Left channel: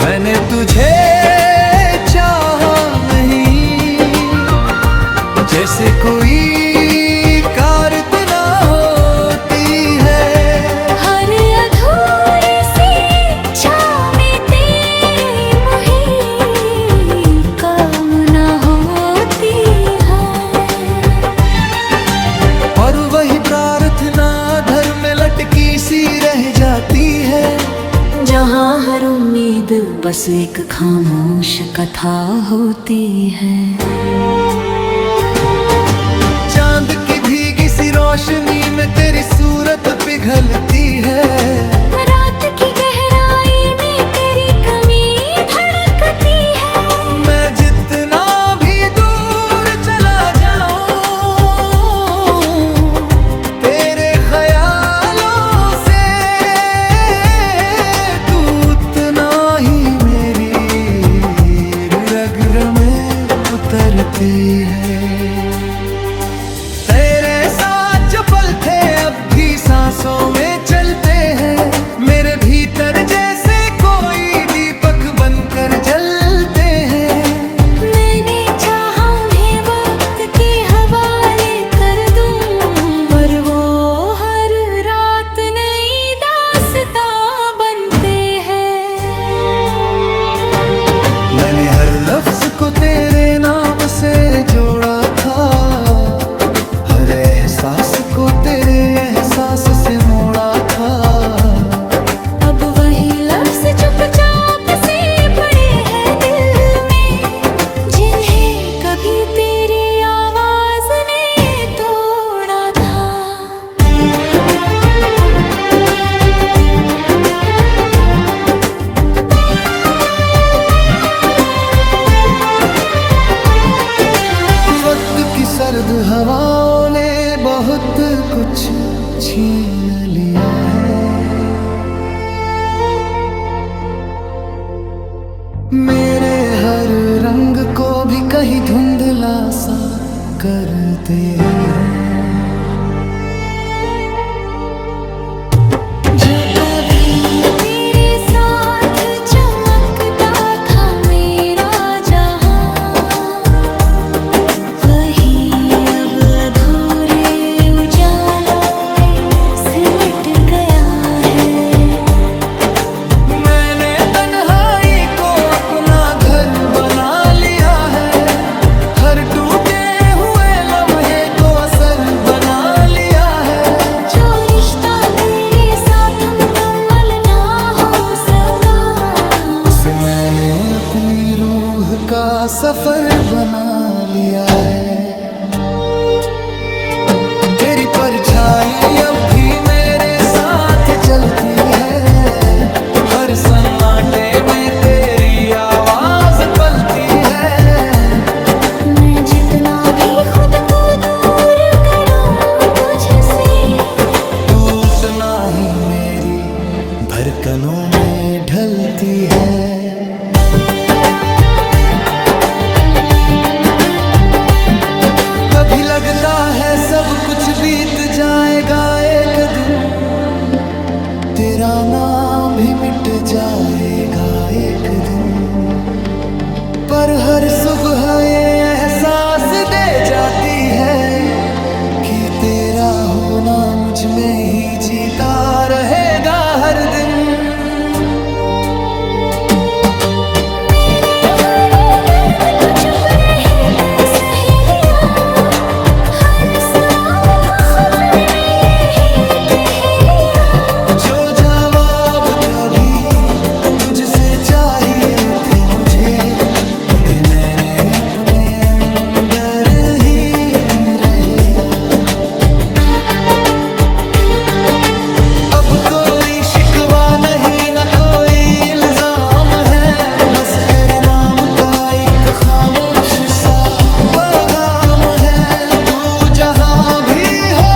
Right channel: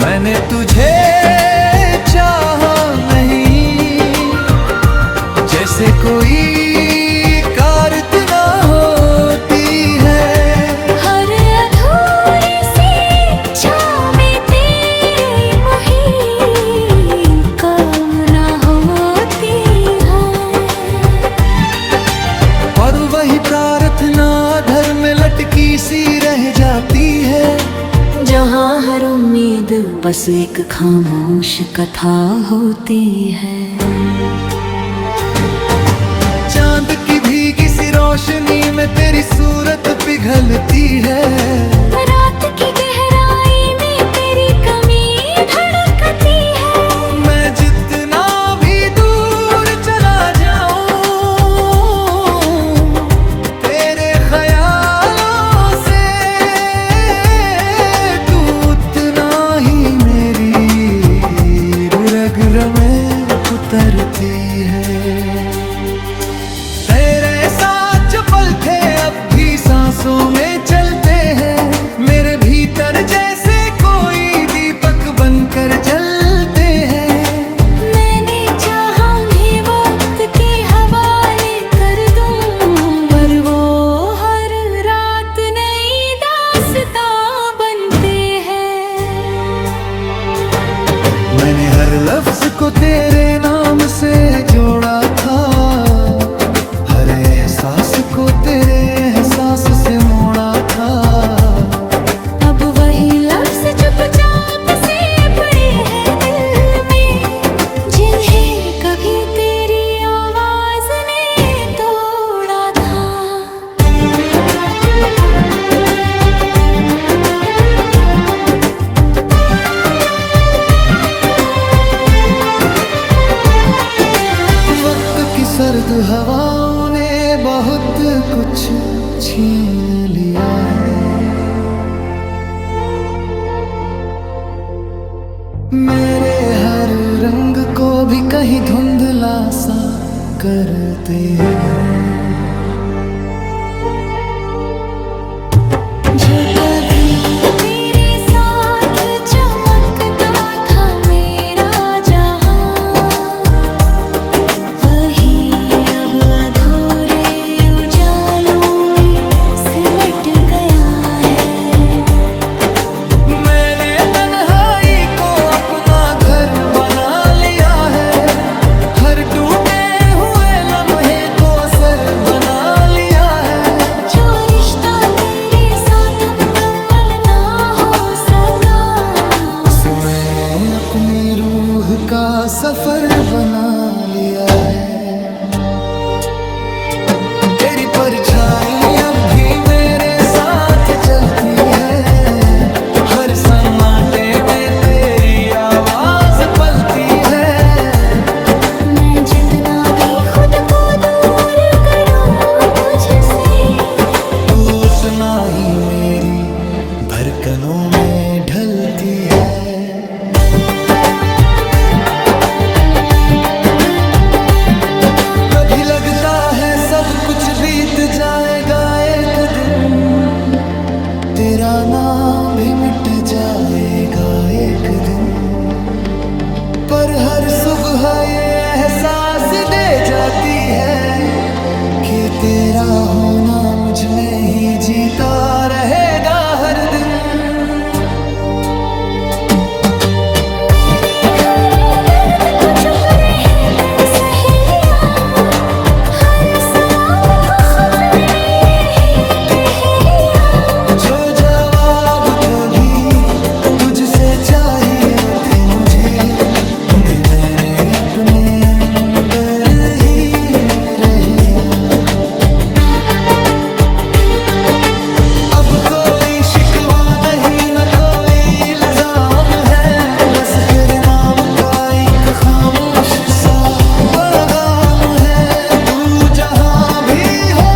मैंने तुझे चाहा नहीं, जैसे कोई कारत ना होती है। हर अधूरी सी इच्छा में तेरी मुहिम कामना होती है। और वही प्रार्थना धर में लटकी सी रह जाती है, जहाँ हर उम्मीद बस एक खामोश कथा होती है। चांद की भीगी सी रोशनी में तेरी सूरत पिघलती है। रात की गहराई में तेरी कमी धड़कती है। मैं जितना भी दूर चला जाऊं तेरे ख्यालों से, तू उतना ही मेरी रग में उतरती है। तेरे साथ जो पल थे अब भी सांसों में चलते हैं, मेरे भीतर जैसे कोई दीपक बनकर जलते हैं। मैंने चाहा उन्हें वक्त के हवाले कर दूं, पर वो हर रात नई दास्तां बनते हैं। मैंने हर लफ्ज को तेरे नाम से जोड़ा था, हर एहसास को तेरे एहसास से मोड़ा था। अब वही लफ्ज चुपचाप से पड़े हैं दिल में, जिन्हें कभी तेरी आवाज ने तोड़ा था। वक्त की सर्द हवाओं ने बहुत कुछ छीन लिया है। मेरे हर रंग को भी कहीं धुंधला सा करते हैं। जो कभी तेरे साथ चमकता था मेरा जहां, वही अब अधूरे उजालों में सिमट गया है। मैंने तन्हाई को अपना घर बना लिया है, हर टूटे हुए लम्हे को असर बना लिया है। जो रिश्ता तेरे साथ मुकम्मल ना हो सका, उसे मैंने अपनी रूह का सफर बना लिया है। तेरी परछाई अब भी मेरे साथ चलती है, हर सन्नाटे में तेरी आवाज पलती है। मैं जितना भी खुद को दूर करूं तुझसे, तू उतना ही मेरी धड़कनों में ढलती है। कभी लगता है सब कुछ बीत जाएगा एक दिन, तेरा नाम भी मिट जाएगा एक दिन। पर हर सुबह ये एहसास दे जाती है कि तेरा होना मुझ में ही जीता रहेगा हर दिन। मैंने हर दर्द को चुप रह कर सह लिया, हर सवाल को खुद मैंने यही कह लिया। जो जवाब कभी तुझसे चाहिए थे मुझे, उन्हें मैंने अपने अंदर ही रह लिया। अब कोई शिकवा नहीं न कोई इल्जाम है, बस तेरे नाम का एक खामोश सा पैगाम है। तू जहां भी हो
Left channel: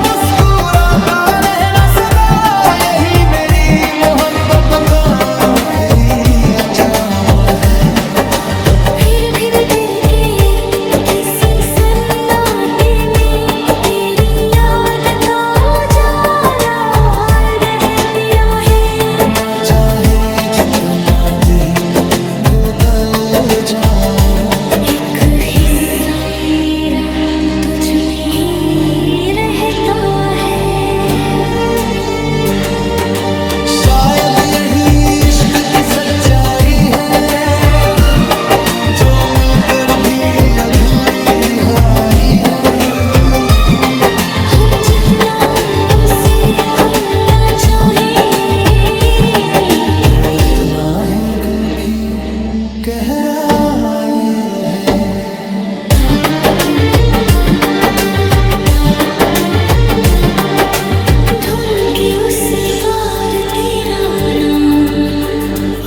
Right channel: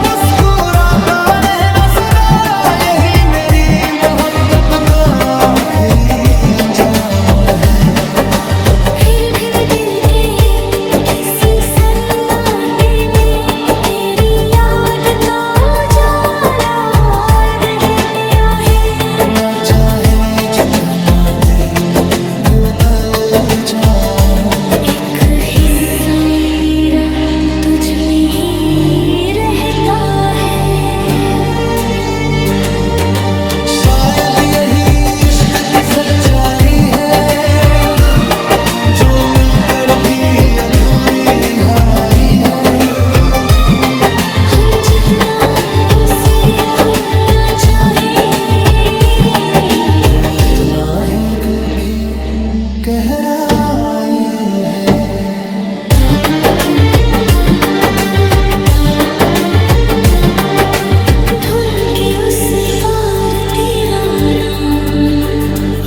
मुस्कुराता रहना सदा, यही मेरी मोहब्बत का आखिरी अंजाम है। फिर दिल के किसी सन्नाटे में तेरी याद का उजाला रह गया है। ना चाहे जितना भी बदल जाऊं, एक हिस्सा मेरा तुझ में ही रहता है। शायद यही इश्क की सच्चाई है, जो मिलकर भी अधूरी रिहाई है। हम जितना उसे भूलना चाहें, उतना ही दिल की गहराई है। ढूंढ के उस पार तेरा नाम,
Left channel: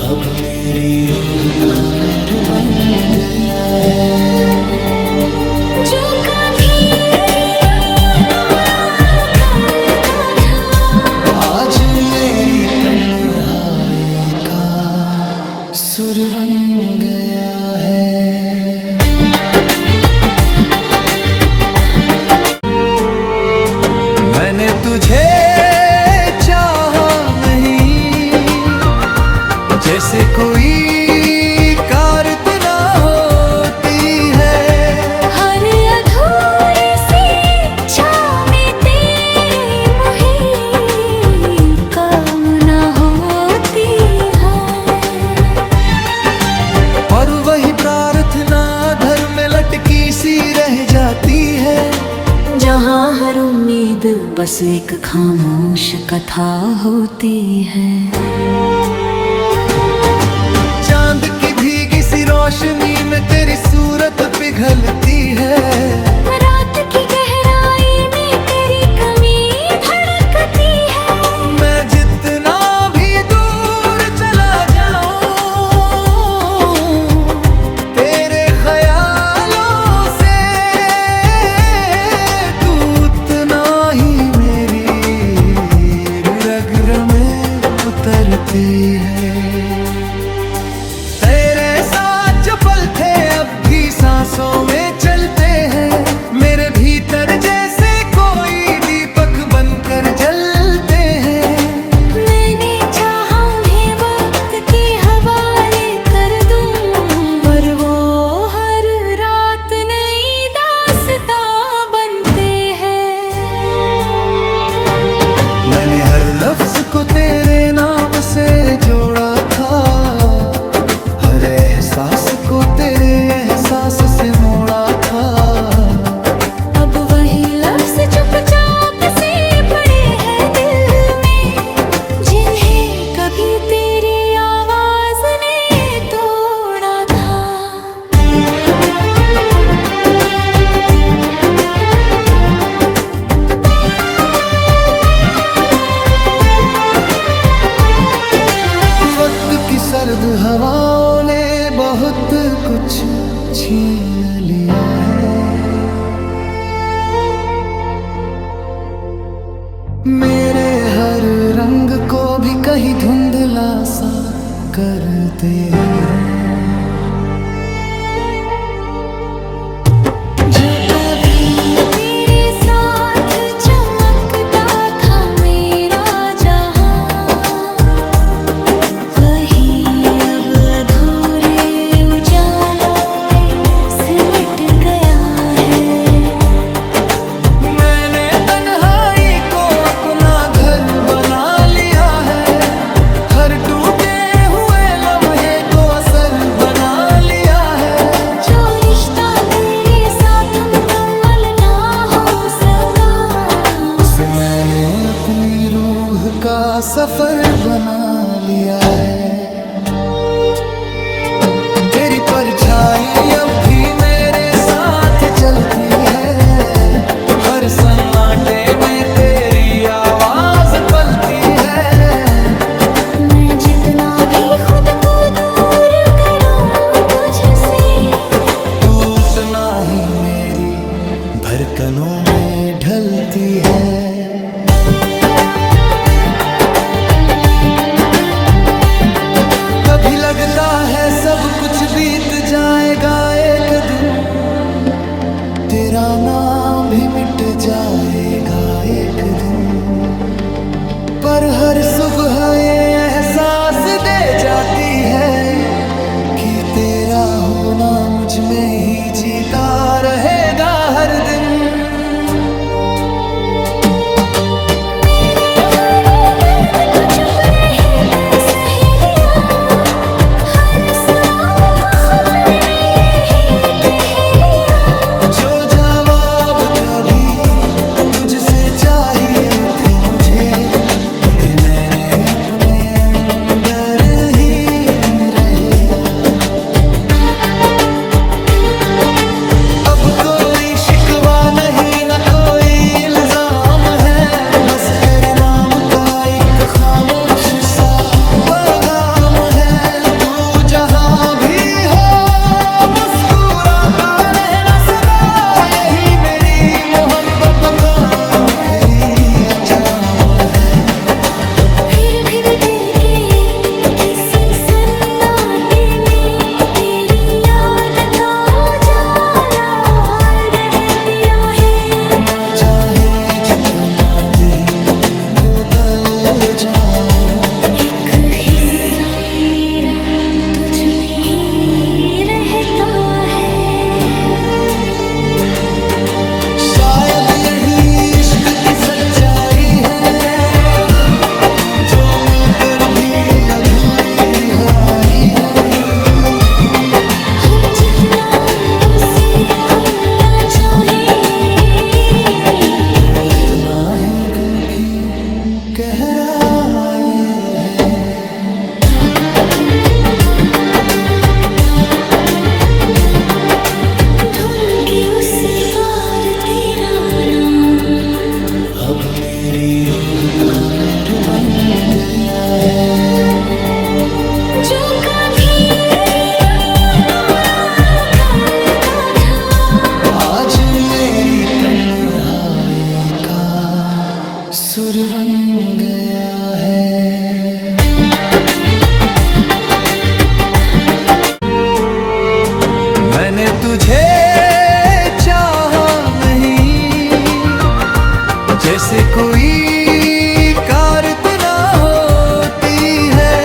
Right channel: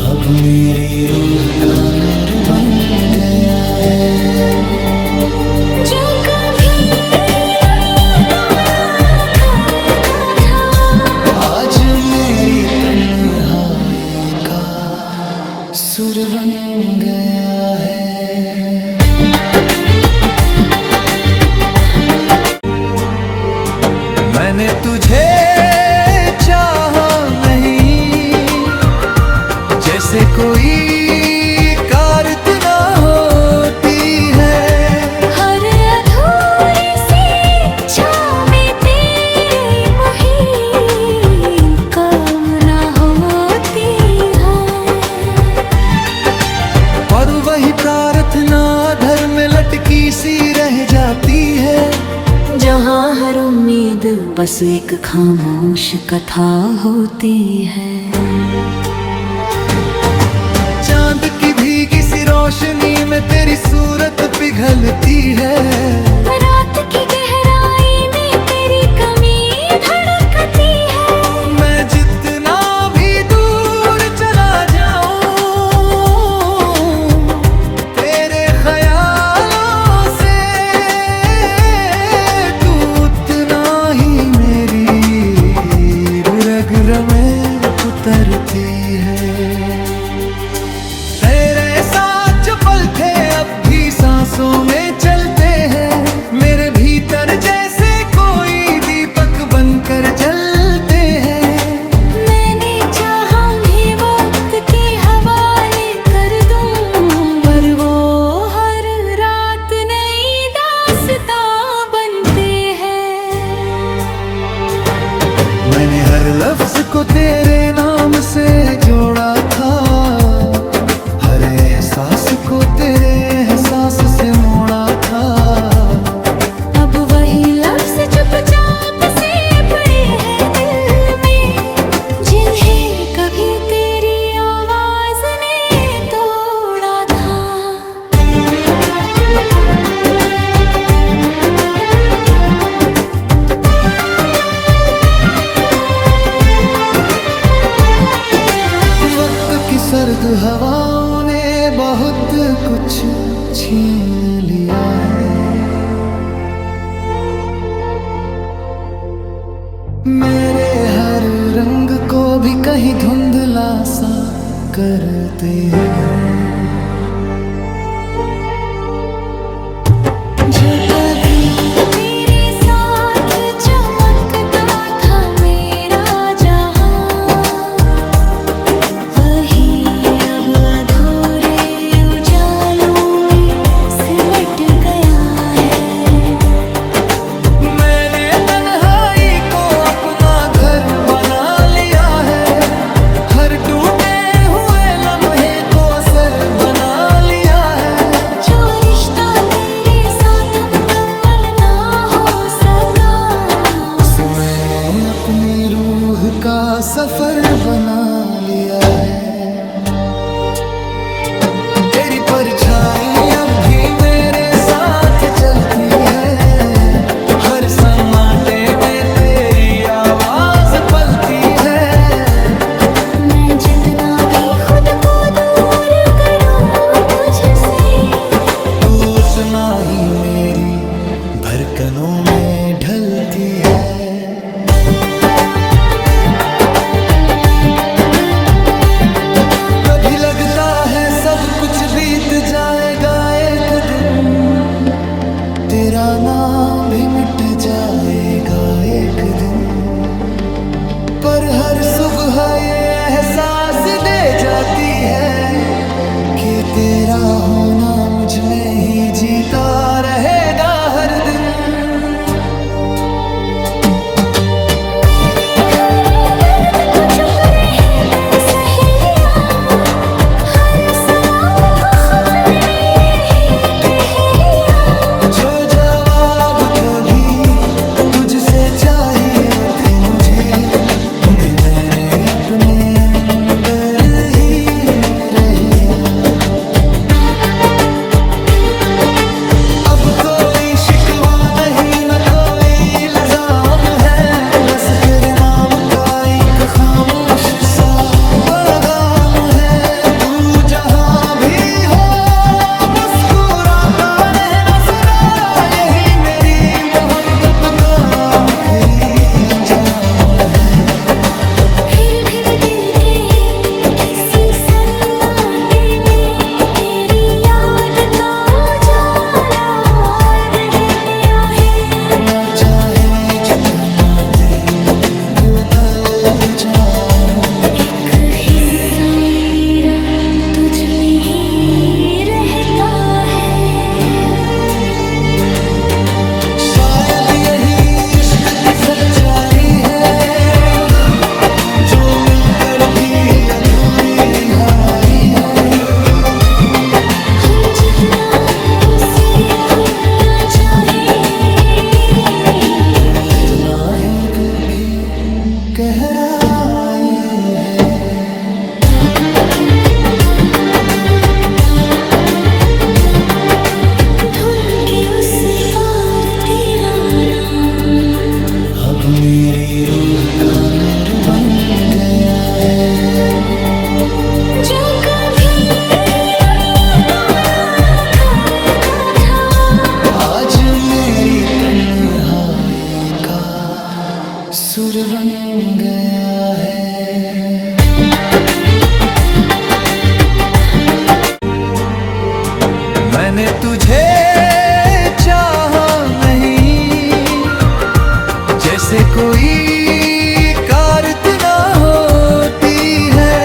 अब मेरी रूह का नूर बन गया है। जो कभी दुनिया तोड़ा करता था, आज मेरी तन्हाई का सुर बन गया है। मैंने तुझे चाहा नहीं, जैसे कोई कारत ना होती है। हर अधूरी सी इच्छा में तेरी मुहिम कामना होती है। पर वही प्रार्थना धर में लटकी सी रह जाती है। जहाँ हर उम्मीद बस एक खामोश कथा होती है। चांद की भीगी सी रोशनी में तेरी सूरत पिघलती है। रात की गहराई में तेरी कमी धड़कती है। मैं जितना भी दूर चला जाऊं, तेरे ख्यालों से तू उतना ही मेरी रग में उतरती है। तेरे साथ जो पल थे अब भी सांसों में चलते हैं। मेरे भीतर जैसे कोई दीपक बनकर जलते हैं। मैंने चाहा उन्हें वक्त के हवाले कर दूं, पर वो हर रात नई दास्तां बनते हैं। मैंने हर लफ्ज को तेरे नाम से जोड़ा था, हर एहसास को तेरे एहसास से मोड़ा था। अब वही लफ्ज चुपचाप से पड़े हैं दिल में, जिन्हें कभी तेरी आवाज ने तोड़ा था। वक्त की सर्द हवाओं ने बहुत कुछ छीन लिया है। मेरे हर रंग को भी कहीं धुंधला सा करते हैं। जो कभी तेरे साथ चमकता था मेरा जहां, वही अब अधूरे उजालों में सिमट गया है। मैंने तन्हाई को अपना घर बना लिया है। हर टूटे हुए लम्हे को असर बना लिया है। जो रिश्ता तेरे साथ मुकम्मल ना हो सका, उसे मैंने अपनी रूह का सफर बना लिया है। तेरी परछाई अब भी मेरे साथ चलती है। हर सन्नाटे में तेरी आवाज पलती है। मैं जितना भी खुद को दूर करूं तुझसे, तू उतना ही मेरी धड़कनों में ढलती है। कभी लगता है सब कुछ बीत जाएगा एक दिन, तेरा नाम भी मिट जाएगा एक दिन। पर हर सुबह ये एहसास दे जाती है कि तेरा होना मुझ में ही जीता रहेगा हर दिन। मैंने हर दर्द को चुप रह कर सह लिया, हर सवाल को खुद मैंने यही कह लिया। जो जवाब कभी तुझसे चाहिए थे मुझे, उन्हें मैंने अपने अंदर ही रह लिया। अब कोई शिकवा नहीं न कोई इल्जाम है, बस तेरे नाम का एक खामोश सा पैगाम है। तू जहां भी हो मुस्कुराता रहना सदा, यही मेरी मोहब्बत का आखिरी अंजाम है। फिर दिल के किसी सन्नाटे में तेरी याद का उजाला रह गया है। ना चाहे जितना भी बदल जाऊं, एक हिस्सा मेरा तुझ में ही रहता है। शायद यही इश्क की सच्चाई है, जो मिलकर भी अधूरी रिहाई है। हम जितना उसे भूलना चाहें, उतना ही दिल की गहराई है। ढूंढ के उस पार तेरा नाम, अब मेरी रूह का नूर बन गया है। जो कभी दुनिया तोड़ा करता था, आज मेरी तन्हाई का सुर बन गया है। मैंने तुझे चाहा नहीं, जैसे कोई कारत ना होती है।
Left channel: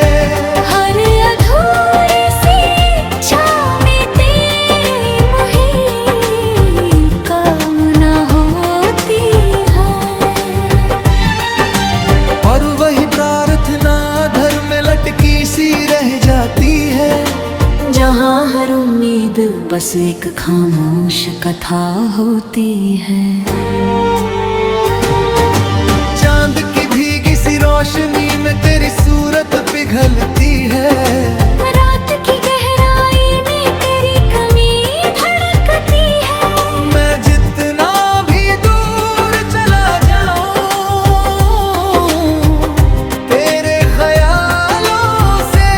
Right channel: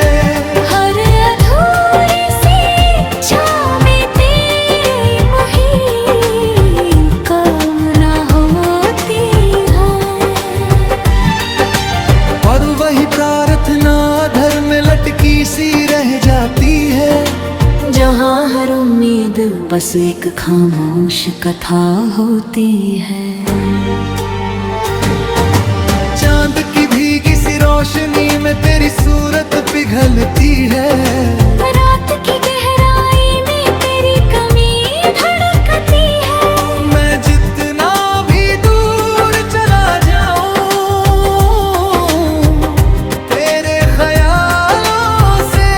हर अधूरी सी इच्छा में तेरी मुहिम कामना होती है। पर वही प्रार्थना धर में लटकी सी रह जाती है। जहाँ हर उम्मीद बस एक खामोश कथा होती है। चांद की भीगी सी रोशनी में तेरी सूरत पिघलती है। रात की गहराई में तेरी कमी धड़कती है। मैं जितना भी दूर चला जाऊं, तेरे ख्यालों से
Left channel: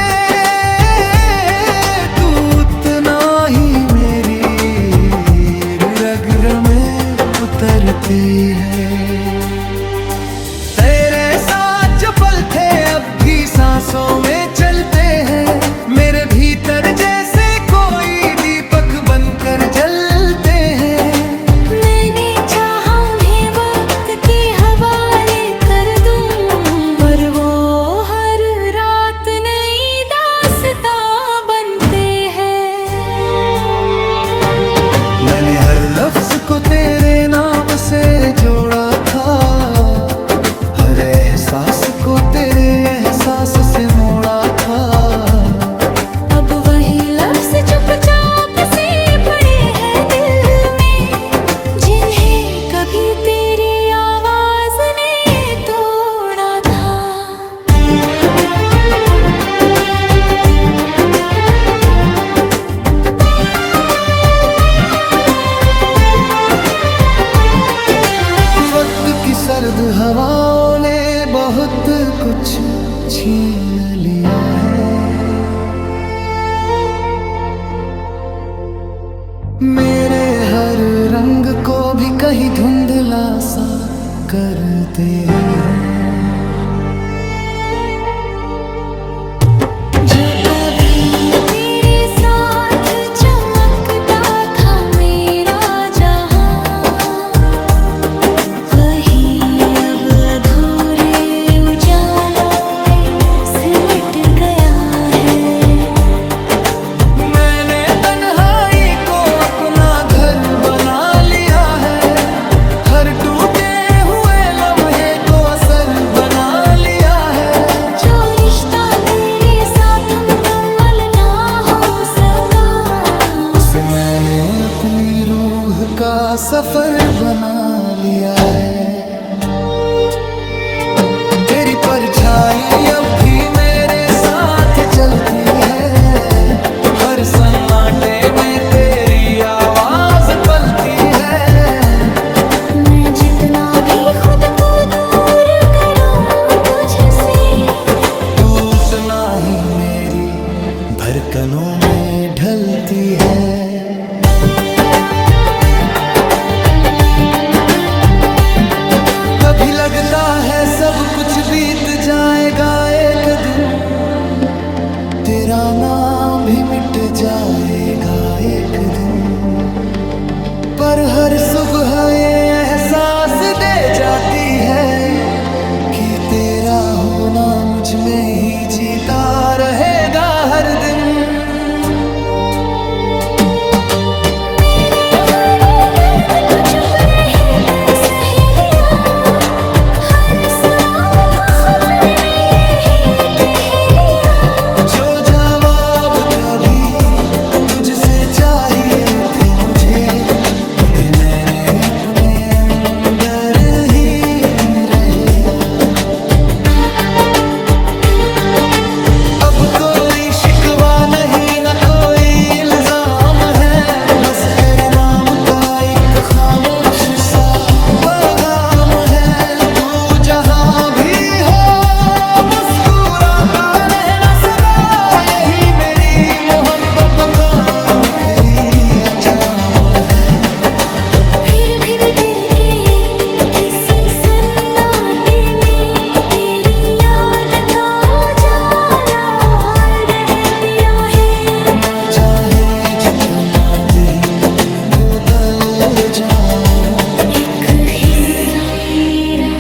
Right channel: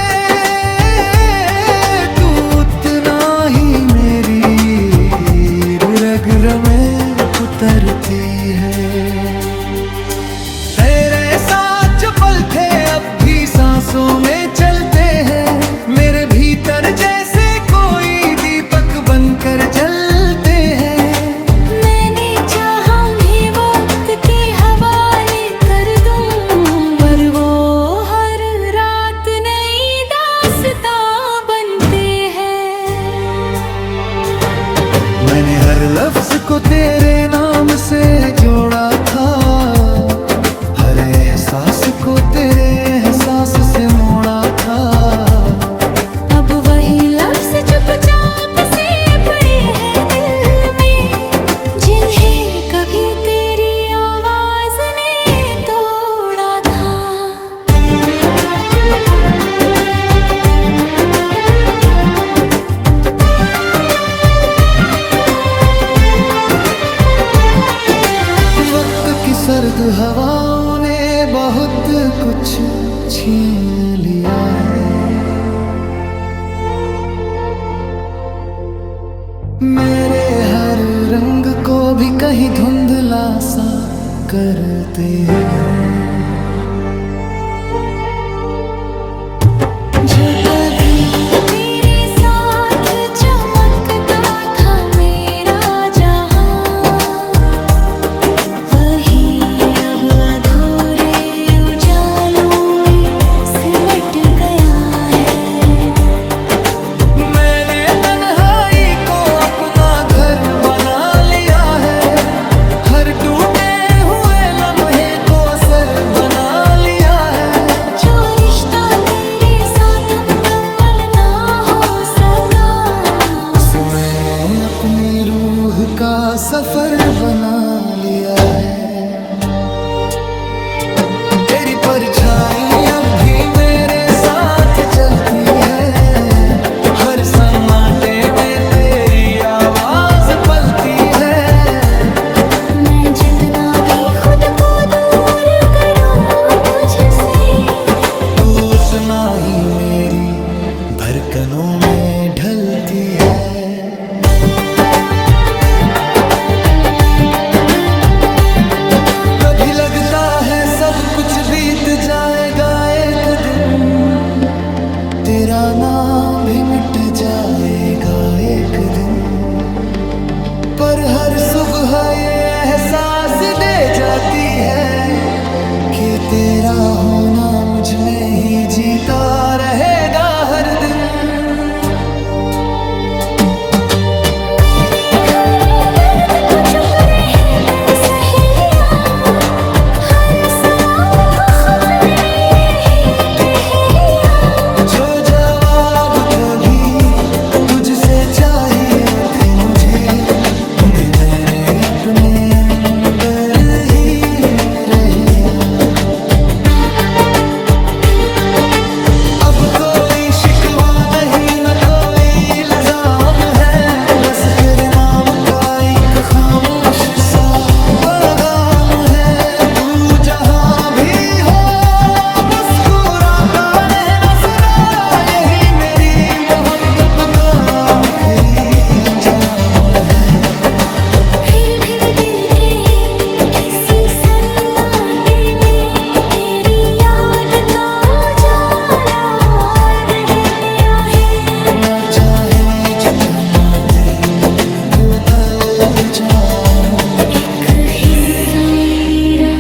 तू उतना ही मेरी रग में उतरती है। तेरे साथ जो पल थे अब भी सांसों में चलते हैं, मेरे भीतर जैसे कोई दीपक बनकर जलते हैं। मैंने चाहा उन्हें वक्त के हवाले कर दूं, पर वो हर रात नई दास्तां बनते हैं। मैंने हर लफ्ज को तेरे नाम से जोड़ा था, हर एहसास को तेरे एहसास से मोड़ा था। अब वही लफ्ज चुपचाप से पड़े हैं दिल में, जिन्हें कभी तेरी आवाज ने तोड़ा था। वक्त की सर्द हवाओं ने बहुत कुछ छीन लिया है। मेरे हर रंग को भी कहीं धुंधला सा करते हैं। जो कभी तेरे साथ चमकता था मेरा जहां, वही अब अधूरे उजाले गया है। मैंने तन्हाई को अपना घर बना लिया है, हर टूटे हुए लम्हे को असर बना लिया है। जो रिश्ता तेरे साथ मुकम्मल ना हो सका, उसे मैंने अपनी रूह का सफर बना लिया है। तेरी परछाई अब भी मेरे साथ चलती है, हर सन्नाटे में तेरी आवाज पलती है। मैं जितना भी खुद को दूर करूं तुझसे, तू उतना ही मेरी धड़कनों में ढलती है। कभी लगता है सब कुछ बीत जाएगा एक दिन, तेरा नाम भी मिट जाएगा एक दिन। पर हर सुबह ये एहसास दे जाती है कि तेरा होना मुझ में ही जीता रहेगा हर दिन। मैंने हर दर्द को चुप रह कर सह लिया, हर सवाल को खुद मैंने यही कह लिया। जो जवाब कभी तुझसे चाहिए थे मुझे, उन्हें मैंने अपने अंदर ही रह लिया। अब कोई शिकवा नहीं न कोई इल्जाम है, बस तेरे नाम का एक खामोश सा पैगाम है। तू जहां भी हो मुस्कुराता रहना सदा, यही मेरी मोहब्बत का आखिरी अंजाम है। फिर दिल के किसी सन्नाटे में तेरी याद का उजाला रह गया है। मैं चाहे जितना भी बदल जाऊं, एक हिस्सा मेरा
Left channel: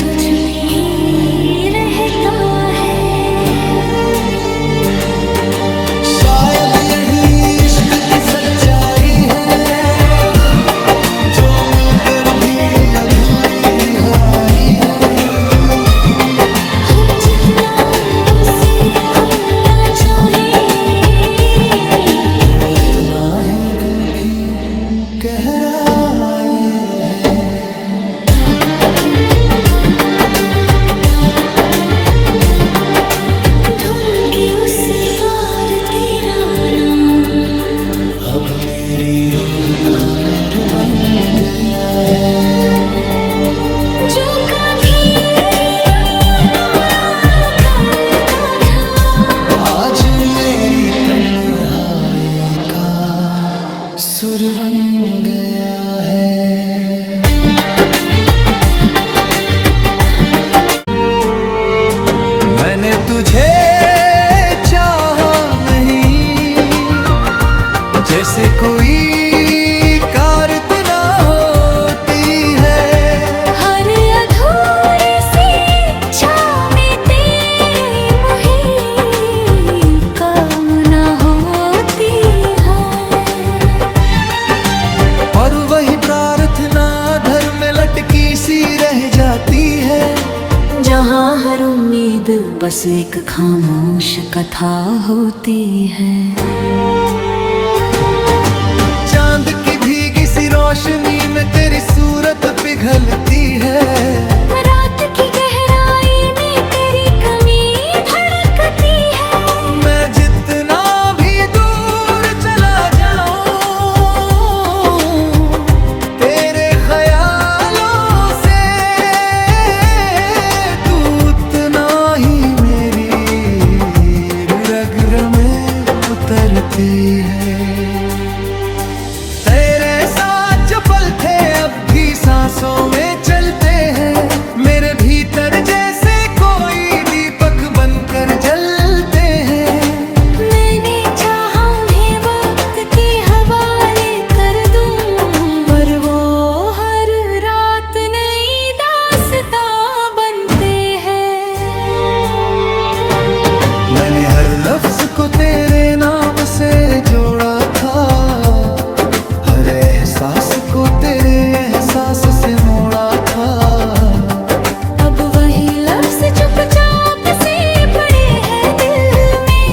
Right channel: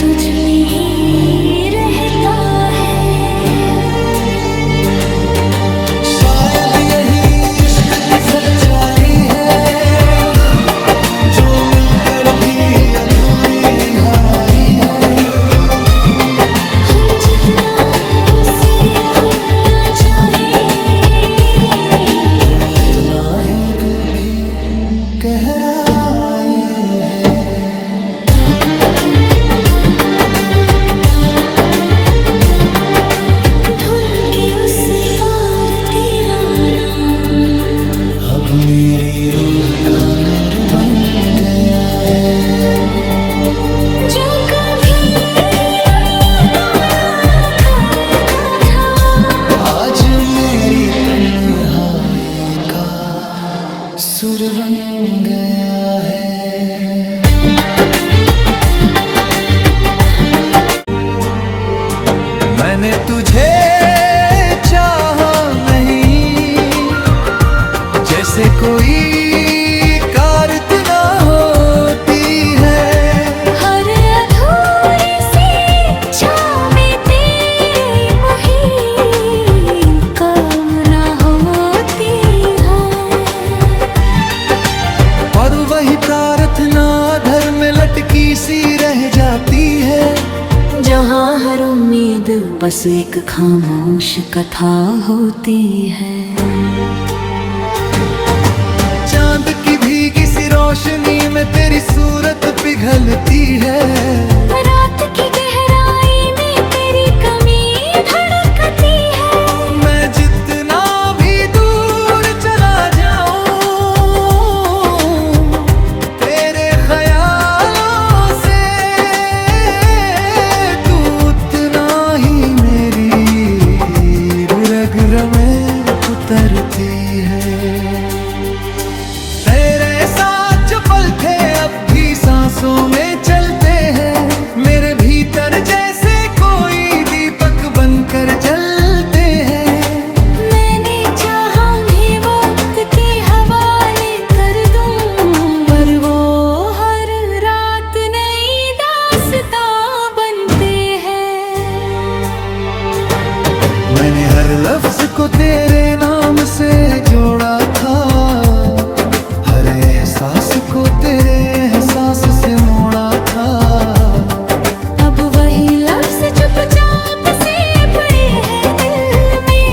तुझ में ही रहता है। शायद यही इश्क की सच्चाई है, जो मिलकर भी अधूरी रिहाई है। हम जितना उसे भूलना चाहे, उतना ही दिल की गहराई है। धुन के उस पार तेरा नाम अब मेरी रूह का नूर बन गया है। जो कभी दुनिया को उड़ा करता था, आज मेरी तन्हाई का सुर बन गया है। मैंने तुझे चाहा नहीं, जैसे कोई कारत ना होती है। हर अधूरी सी छाँव में तेरी मुही कामना होती है। और वही प्रार्थना धर में लटकी सी रह जाती है, जहाँ हर उम्मीद बस एक खामोश कथा होती है। चांद की भीगी सी रोशनी में तेरी सूरत पिघलती है। रात की गहराई में तेरी कमी धड़कती है। मैं जितना भी दूर चला जाऊं, तेरे ख्यालों से तू उतना ही मेरी रग में उतरती है। तेरे साथ जो पल थे अब भी सांसों में चलते हैं, मेरे भीतर जैसे कोई दीपक बनकर जलते हैं। मैंने चाहा उन्हें वक्त के हवाले कर दूं, पर वो हर रात नई दास्तां बनते हैं। मैंने हर लफ्ज को तेरे नाम से जोड़ा था, हर एहसास को तेरे एहसास से मोड़ा था। अब वही लफ्ज चुपचाप से पड़े हैं दिल में,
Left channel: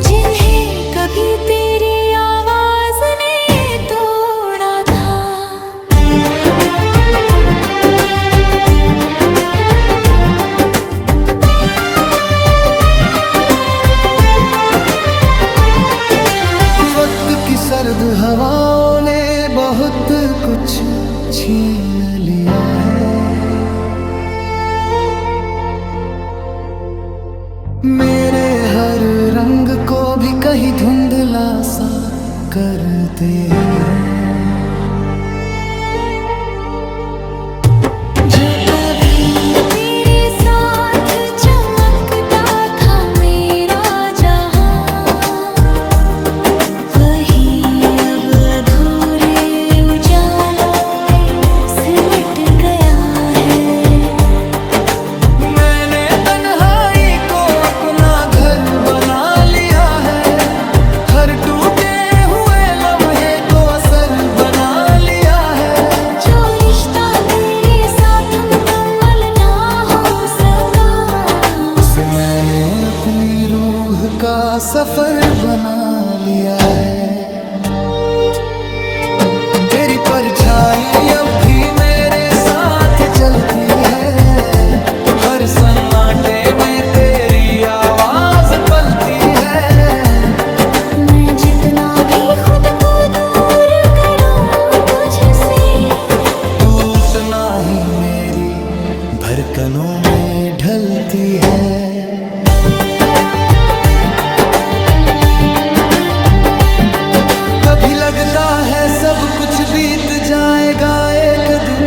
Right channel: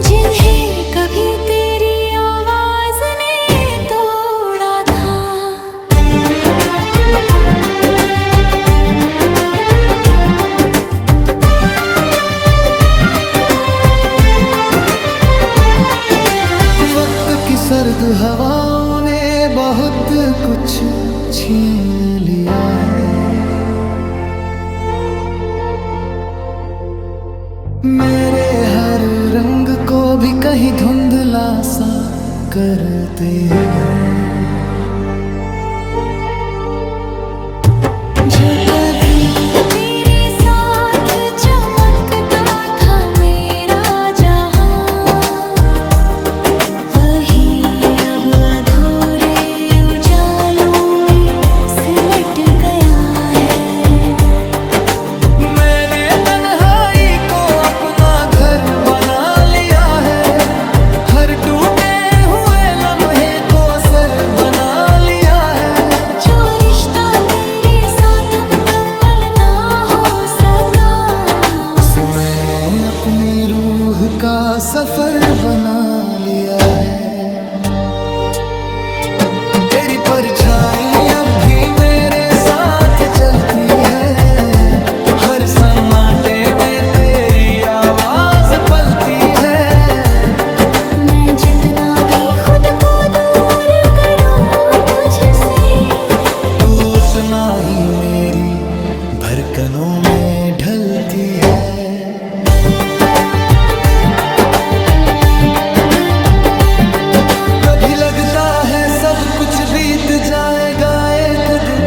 जिन्हें कभी तेरी आवाज ने तोड़ा था। वक्त की सर्द हवाओं ने बहुत कुछ छीन लिया है, मेरे हर रंग को भी कहीं धुंधला सा करते हैं। जो कभी तेरे साथ चमकता था मेरा जहां, वही अब अधूरे उजालों में सिमट गया है। मैंने तन्हाई को अपना घर बना लिया है, हर टूटे हुए लम्हे को असर बना लिया है। जो रिश्ता तेरे साथ मुकम्मल ना हो सका, उसे मैंने अपनी रूह का सफर बना लिया है। तेरी परछाई अब भी मेरे साथ चलती है, हर सन्नाटे में तेरी आवाज पलती है। मैं जितना भी खुद को दूर करूं तुझसे, टूटना ही मेरी धड़कनों में ढलती है। कभी लगता है सब कुछ बीत जाएगा एक दिन,